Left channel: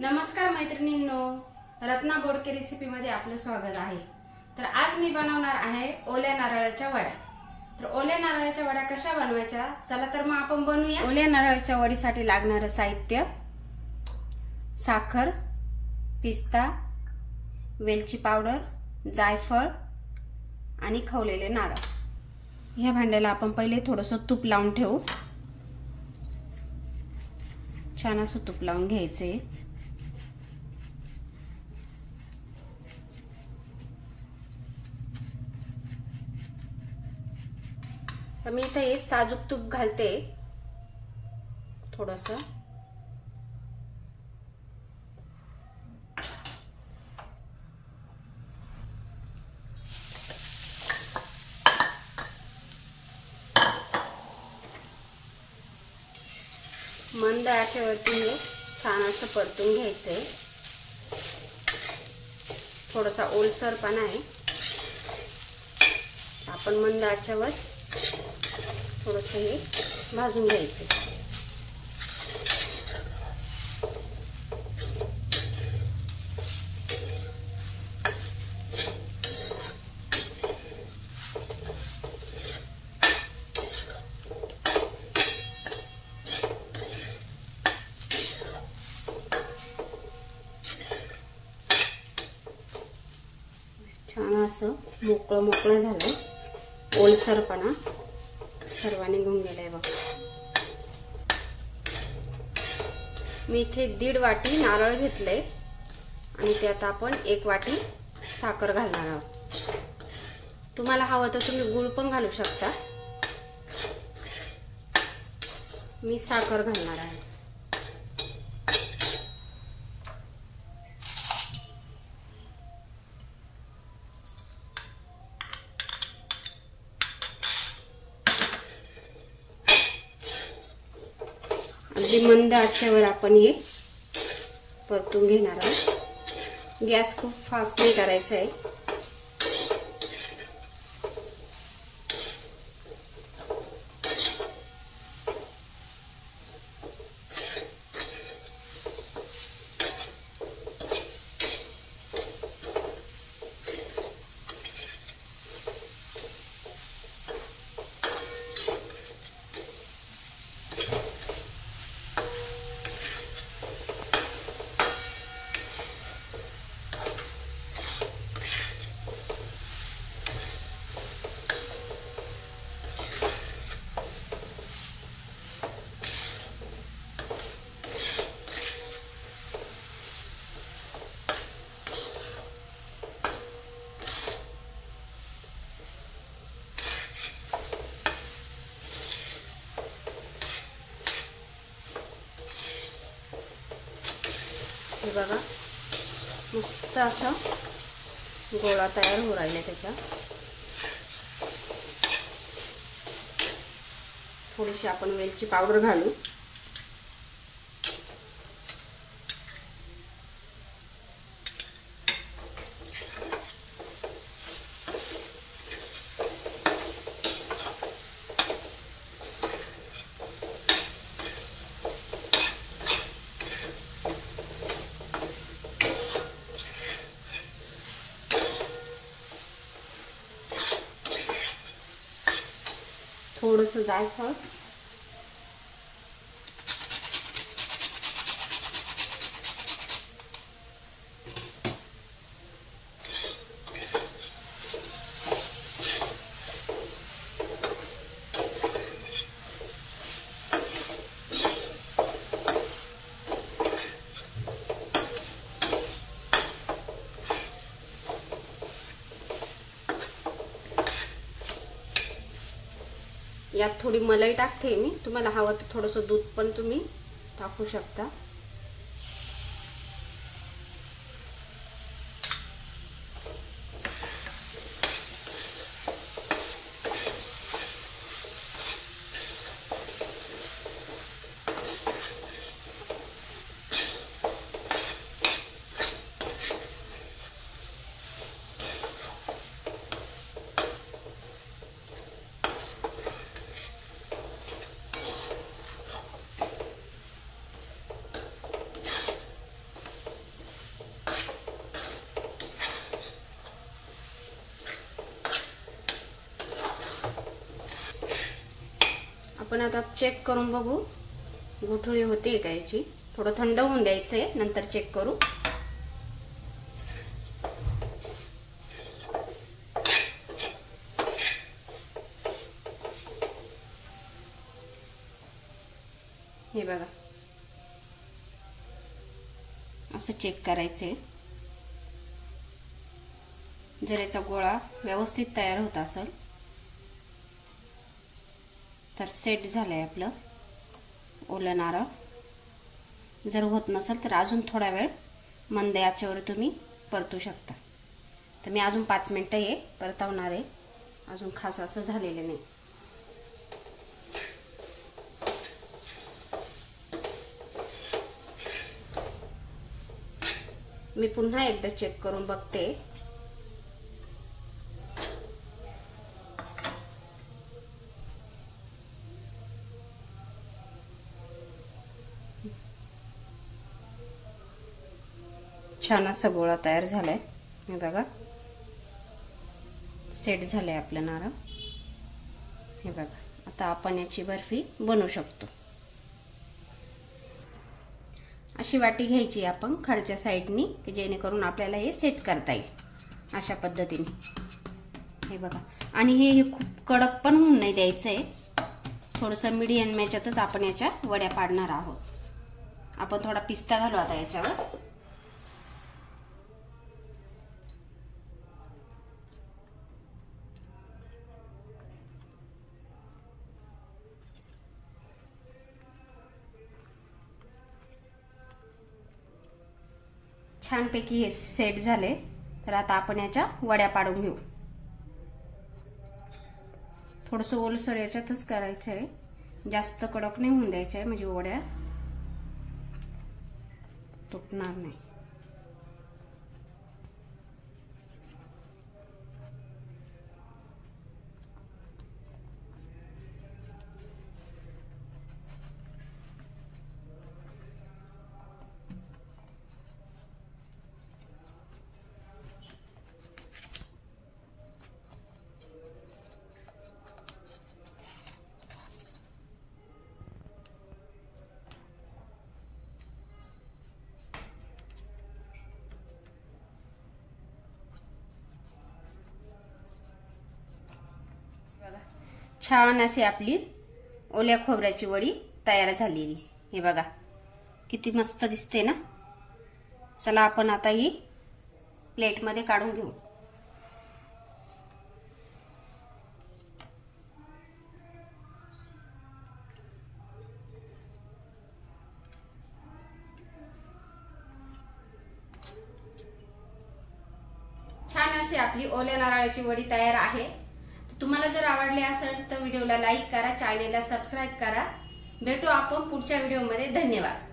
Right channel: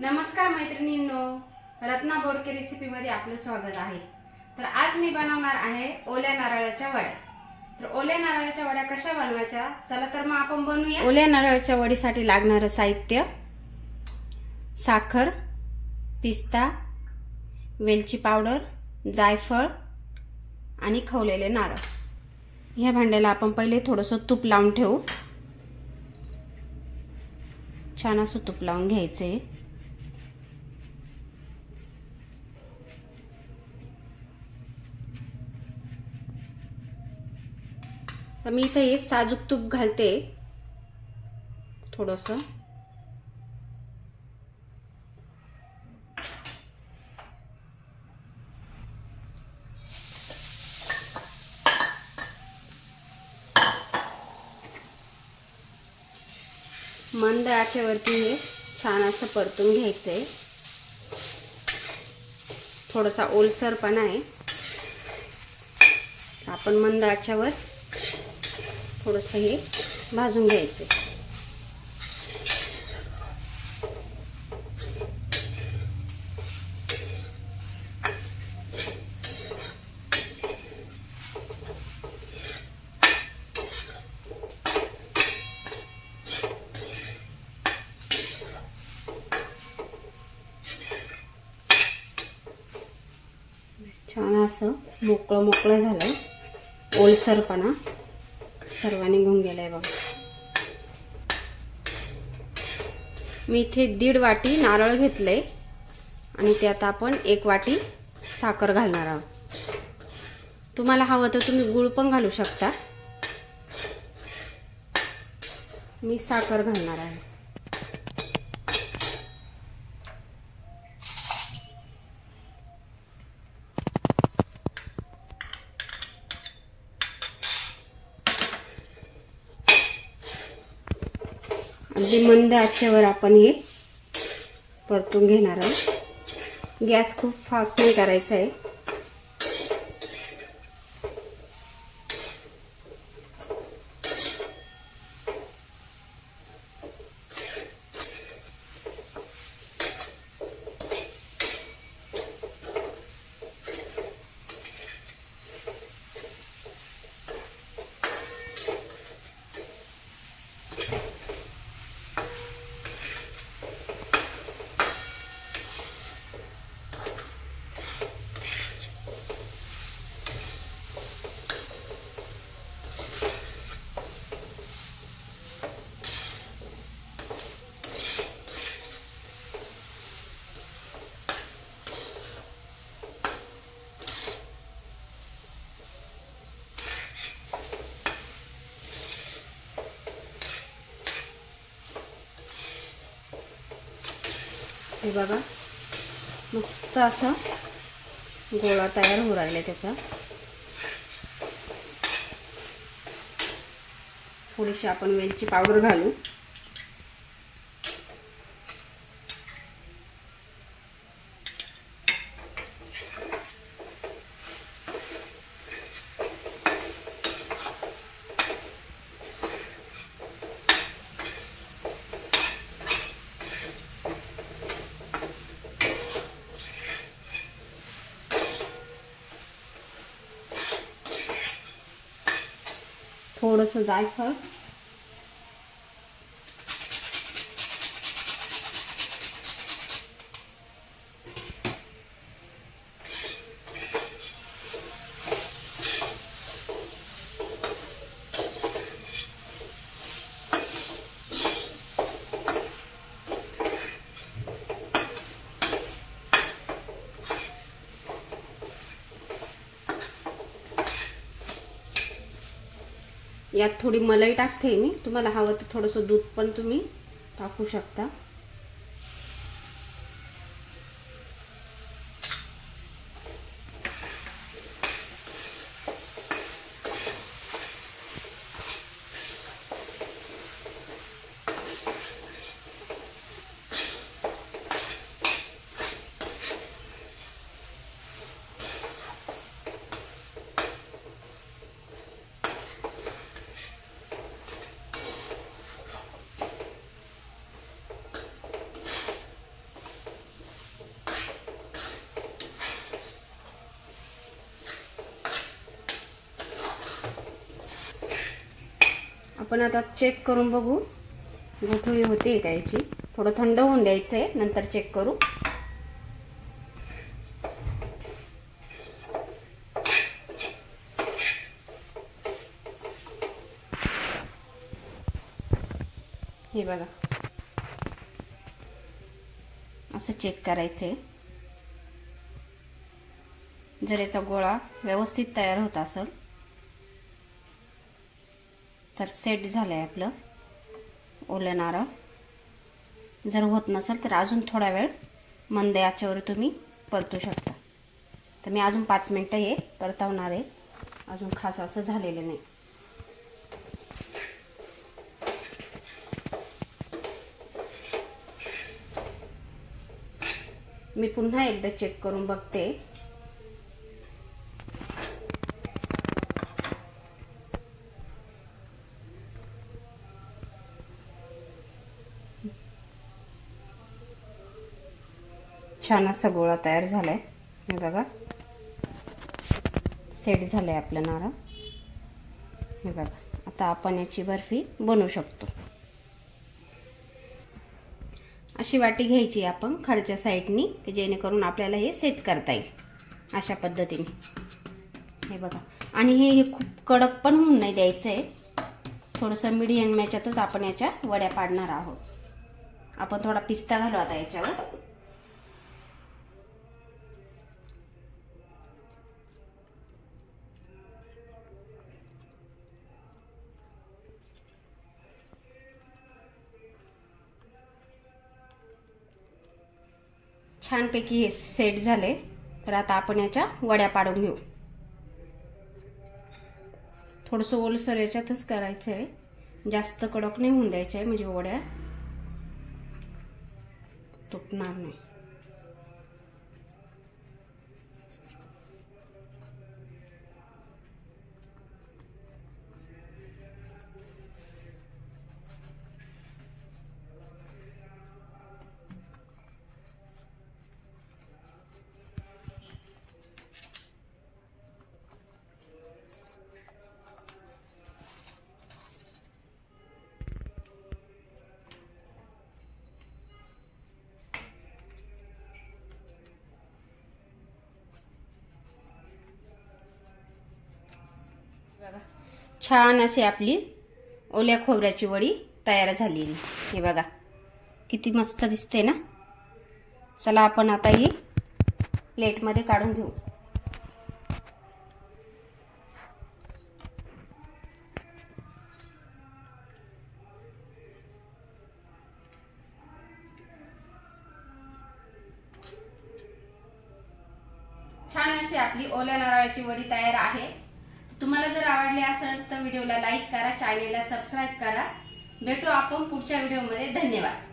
नमस्कार मैत्रिणींनो, रत्ना बोडके रेसिपीमध्ये आपलं स्वागत आहे। तर आज मी बनवणार आहे ओल्या नारळाच्या वड्या। तर ओल्या नारळाच्या वड्या कशा बनवायच्या, चला तर मग आपण बनवूया। ओल्या नारळाच्या वडीसाठी लागणारे साहित्य: साखर, पिस्ता, वेलची पावडर, जायफळ आणि खवलेले नारळ। ह्या भांड्याला आपण पहिले थोडंसं तूप लावून ठेवू। छान असं तूप लावून घ्यायचे। तर मी इथे साजूक तूप घालते थोडंसं। मंद आचेवरती छान असं परतून घ्यायचंय। थोडासा ओलसरपणा आहे, आपण मंद आचेवर थोडंसं हे भाजून घ्यायचे। छान असं मोकळं मोकळं झालं, ओलसरपणा सर्व निघून गेलाय बघा। मी इथे 1.5 वाटी नारळ घेतले आणि त्यात आपण 1 वाटी साखर घालणार आहोत। तुम्हाला हवं तर तुम्ही गूळ पण घालू शकता। मी साखर घालणार आहे। अगदी मंद आचेवर आपण हे परतून घेणार आहोत। गॅस खूप फास्ट नाही करायचा आहे। हे बघा, मस्त असा गोळा तयार होऊ राहिला त्याचा। थोडीशी आपण वेलची पावडर घालू। थोडंसं जायफळ, यात थोडी मलाई टाकते मी। तुम्हाला हवं तर थोडंसं दूध पण तुम्ही टाकू शकता। आपण आता चेक करून बघू गुठळी होते का याची. थोडं थंड होऊन द्यायचंय, नंतर चेक करू. हे बघा, असं चेक करायचंय. जर याचा गोळा व्यवस्थित तयार होत असेल तर सेट झालंय आपलं ओलं नारळ. जर होत नसेल तर अजून थोडा वेळ मंद आचेवर तुम्ही परतू शकता. तर मी अजून 5 मिनिटं हे परतवणार आहे. अजून खास असं झालेलं नाही. मी पुन्हा एकदा चेक करून बघते. छान असा गोळा तयार झालाय. हे बघा, सेट झालंय आपलं नारळ. हे बघा, आता आपण याची बर्फी बनवू शकतो. अशी वाटी घ्यायची आपण खालच्या साईडनी, की जेणेकरून आपल्याला हे सेट करता येईल अशा पद्धतीने. हे बघा, आणि हे खूप कडक पण होऊन नाही द्यायचंय. थोडंसं मीडियम याच्यातच आपण याच्या वड्या पाडणार आहोत. आपण थोडा पिस्ता घालू आता याच्यावर. छानपैकी हे सेट झाले. तर आता आपण याच्या वड्या पाडून घेऊ. थोडंसं ओलसर याच्यातच करायचं आहे, जास्त कडक नाही होऊन द्यायचं आहे, म्हणजे वड्या तुटणार नाही. छान अशी आपली ओल्या खोबऱ्याची वडी तयार झालेली. हे बघा, किती मस्त दिसते ना. चला आपण आता ही प्लेटमध्ये काढून घेऊ. छान अशी आपली ओल्या नारळाची वडी तयार आहे. तुम्हाला जर आवडले असेल तर व्हिडिओला लाईक करा, चॅनेलला सबस्क्राईब करा. भेटू आपण पुढच्या व्हिडिओमध्ये. धन्यवाद.